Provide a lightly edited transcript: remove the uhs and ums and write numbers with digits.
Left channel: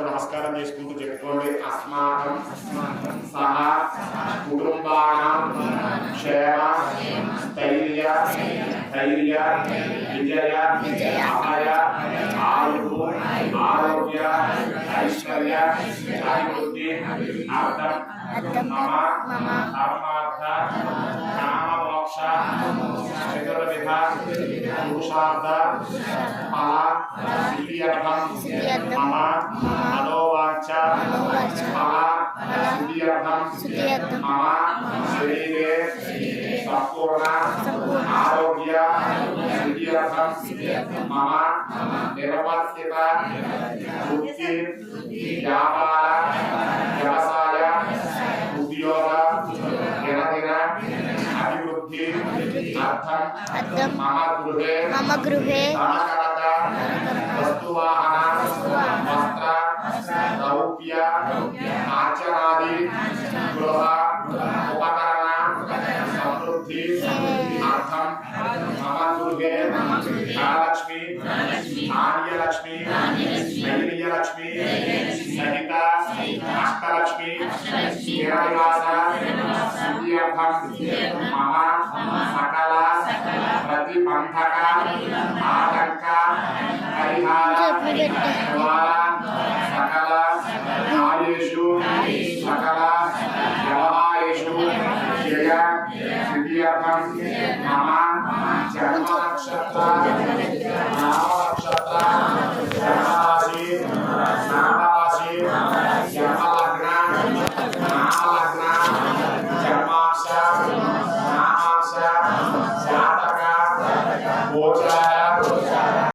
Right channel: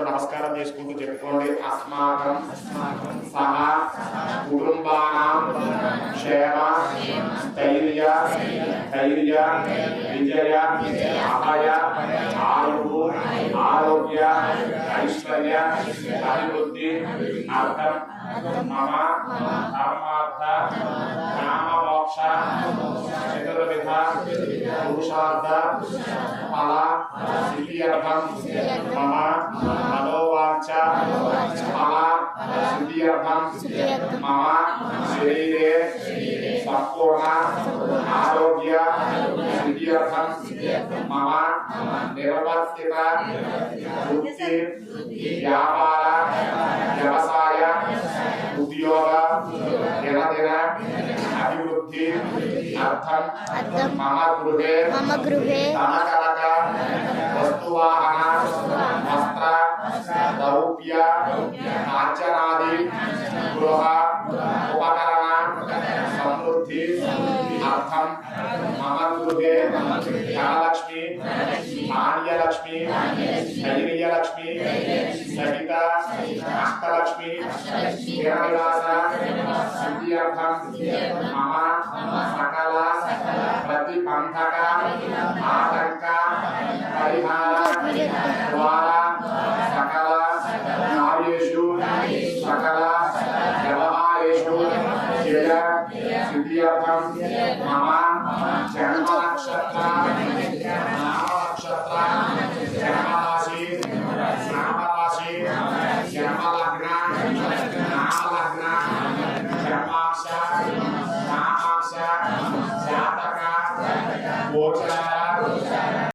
నమస్కారం చేసుకుంటూ చెప్పుకోండి. అస్మాకం సహ కుటుంబానాం క్షేమ స్థైర్య ధైర్య విజయ అభయ ఆయువు ఆరోగ్య ఐశ్వర్య అభివృద్ధి అర్థం మమ ధర్మార్థ కామ మోక్ష చతుర్విధ పురుషార్థ ఫల సిద్ధ్యర్థం మమ మనోవాచ ఫల సిద్ధ్యర్థం మమ శరీరే సంపూర్ణ ఆరోగ్య సిద్ధ్యర్థం మమ నిర్వర్తిత వృత్తి వ్యాపార వ్యవసాయ ఉద్యోగ దినదిన అభివృద్ధి అర్థం మమ గృహే ధనకనక వస్తువాహన వస్త్ర రౌప్య ఆచరాది గృహ ఉపకరణ సమృద్ధి అర్థం మమ గృహే ధనలక్ష్మి ధాన్యలక్ష్మి ధైర్యలక్ష్మి సహిత అష్టలక్ష్మి స్థిరనివాస సిద్ధ్యర్థం మమ సకల ప్రతిబంధక ఆటంక పరిహార ద్వారా